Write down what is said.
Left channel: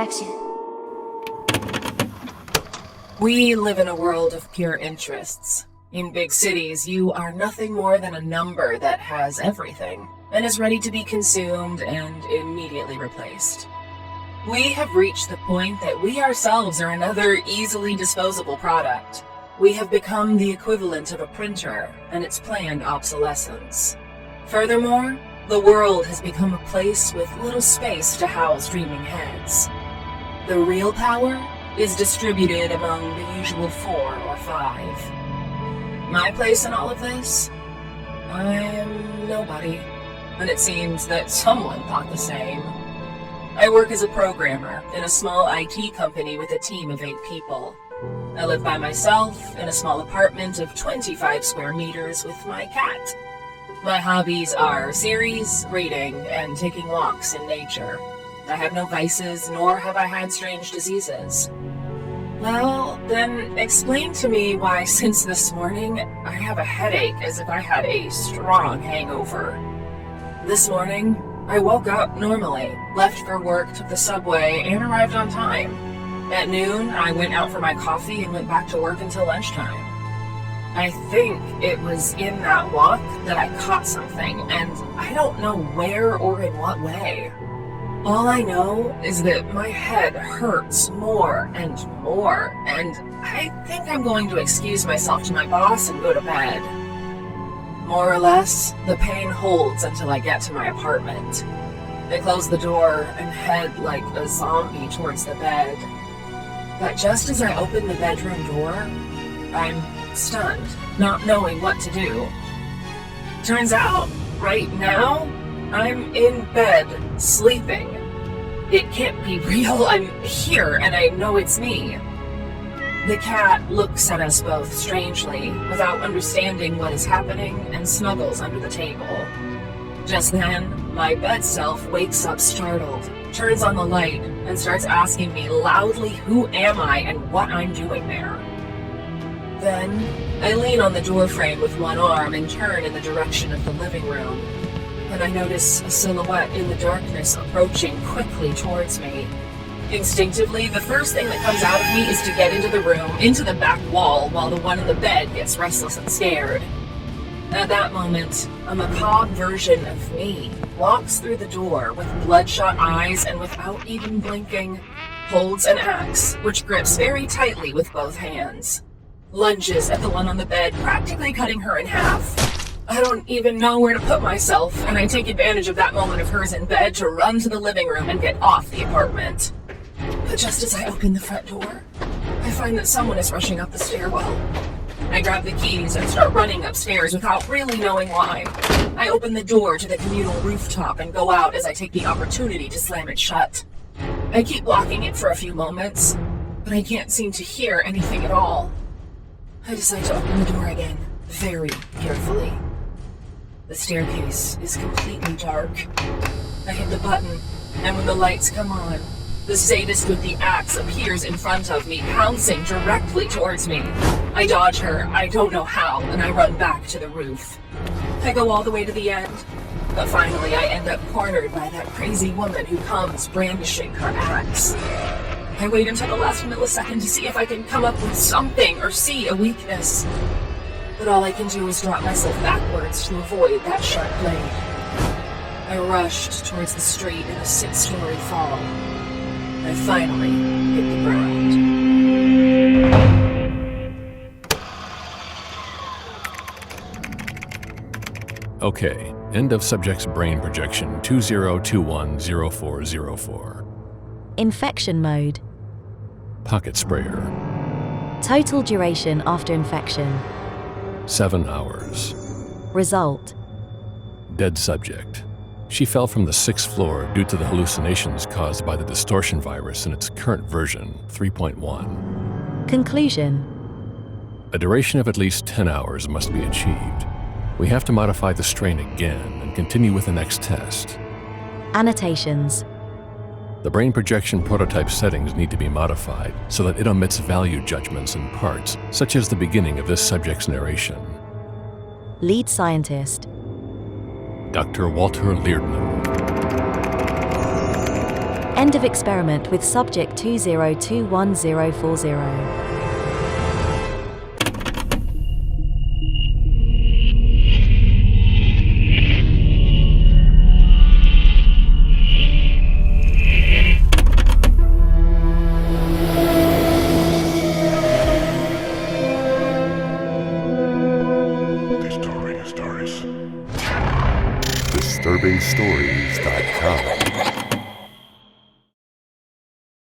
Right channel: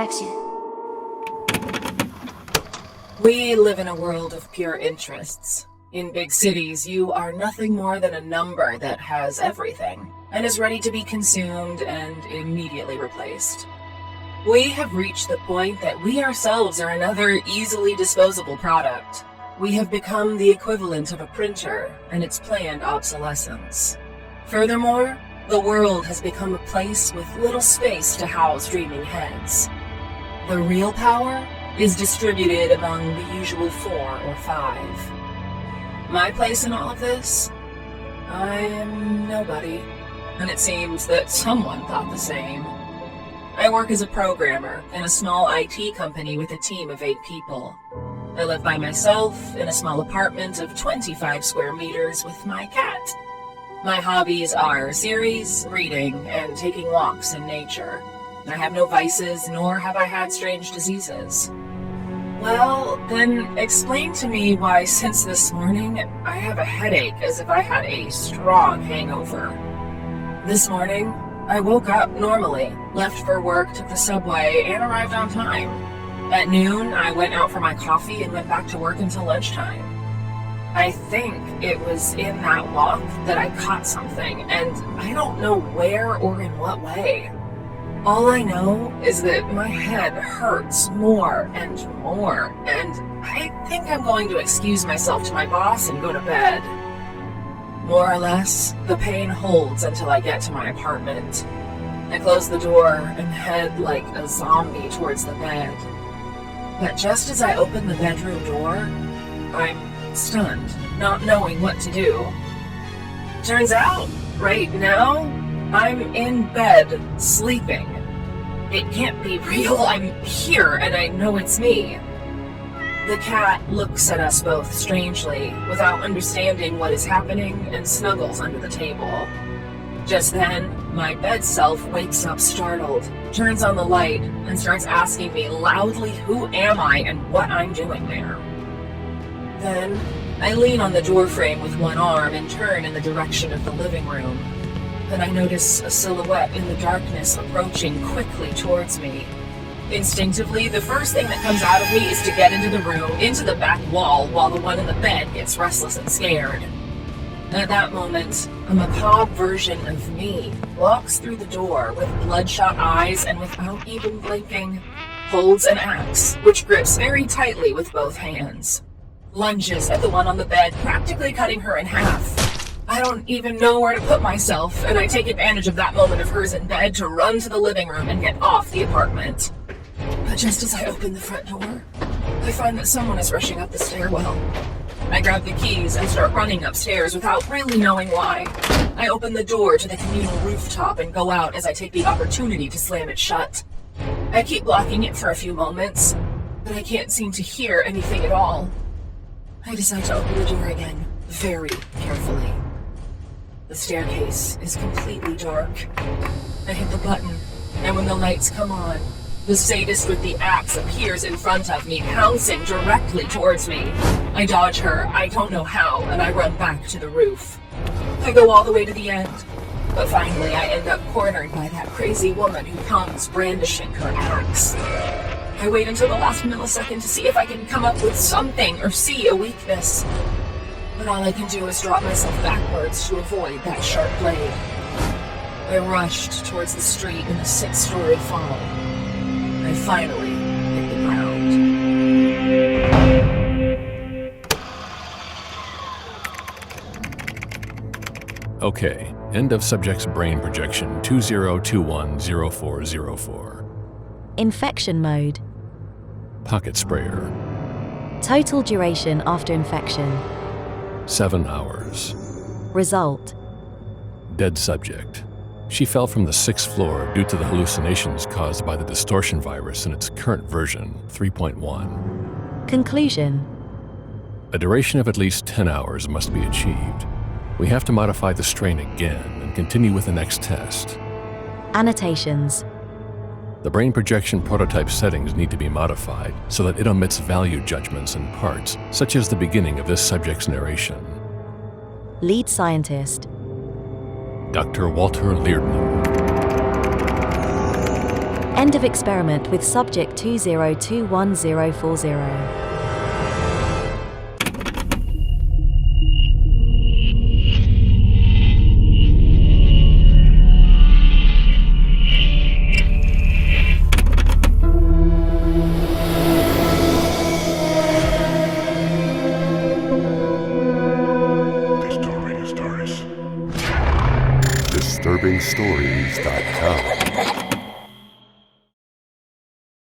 infection. We live in a world of pure interests. In big cities, you are nothing more than a number that has everything, and is ready to be consumed and immediately replaced. We have reached the point that we ourselves are another easily disposable product. We have become the equivalent of a printer and its planned obsolescence. Furthermore, the world has become a place with little space to house dreaming heads. The real power is distributed among the usual 4 or 5. My place in all of this? I am nobody, and it seems that someone thought the same. I work as a programmer in a small IT company with a team of 8 people. I live by myself in a small apartment of 25 square meters with my cat. My hobbies are series, reading, and taking walks in nature. I have no vices, nor have I had strange diseases. Well, then explain to me why since this morning I have a headache as if I had a strong hangover. This morning, I woke up normally, left for work, took the subway, and arrived on time. At noon, I went out for my coffee and went back to work until lunchtime. I think it was in that walk that I caught something, and I don't know where or in what way. All I know is that my head hurts more and more, and I think I'm going to excuse myself to my boss and go to bed. More or less, the pain holds until I get to my apartment. I close the door and head like a zombie towards the bed. But just as I open the bedroom door, I'm stunned, not knowing what to do. Turns out, right now, I'm in bed, sleeping. It can't be real, I'm here, and I know it's me. The cat looks at us both strangely, without understanding what is happening, and snuggles under the table. Just then, my bed self wakes up startled, turns on the light, and starts asking me loudly who am I and what I'm doing there. Then, I lean on the doorframe with one arm and turn in the direction of the living room. Then I notice a silhouette in the darkness approaching quickly towards me. Instinctively, the first thing that comes out of me is to get into the room, into the back wall, while the one in the bed gets restless and scared. At that moment, a macabre version of me walks through the door with bloodshot eyes and without even blinking, holds an axe, which grips very tightly with both hands. Lunges at the one on the bed, practically cutting her in half. I don't even know where to put myself, and I take advantage of that moment of hers in bed to run to the living room and get off the apartment. But just as I open the front door, I find that someone is rushing up the stairwell. I grab the keys and start running upstairs without really knowing why. I open the door to the communal rooftop and go out as I take the opportunity to slam it shut. I keep blocking it for a few moments, but I can't seem to hear anything at all. I decide to open the door again, very carefully. The staircase is completely dark. I hit the button, and when the lights come on, the sadist with the axe appears in front of me, pouncing directly towards me. I dodge her, I don't know how, and I run back to the roof. I go all the way to the end, but finally I end up cornered by that crazy woman who comes brandishing her axe. I wait until the last millisecond to see if I can come up with something or see a weakness. But all I can do is drop myself backwards to avoid that sharp blade. I rushed towards the street in a 6-story fall. I finally hit the ground. Okay, end of subject's brain projection 20210404. Infection mode. Pocket sprayer. Total duration after infection. 7 hours. Result. Dead subject. She fell from the 6th floor due to the hallucinations caused by the distortion virus in its current version, 3.1. Conclusion. A duration of at least 10 hours must be achieved. We have to modify the strain again and continue with the next test. Annotations. The brain projection prototype settings need to be modified so that it omits value judgments in parts, such as the beginning of this subject's narration. Lead scientist. Dr. Walter Leardman. End of experiment with subject 20211040. DisturbingStories.com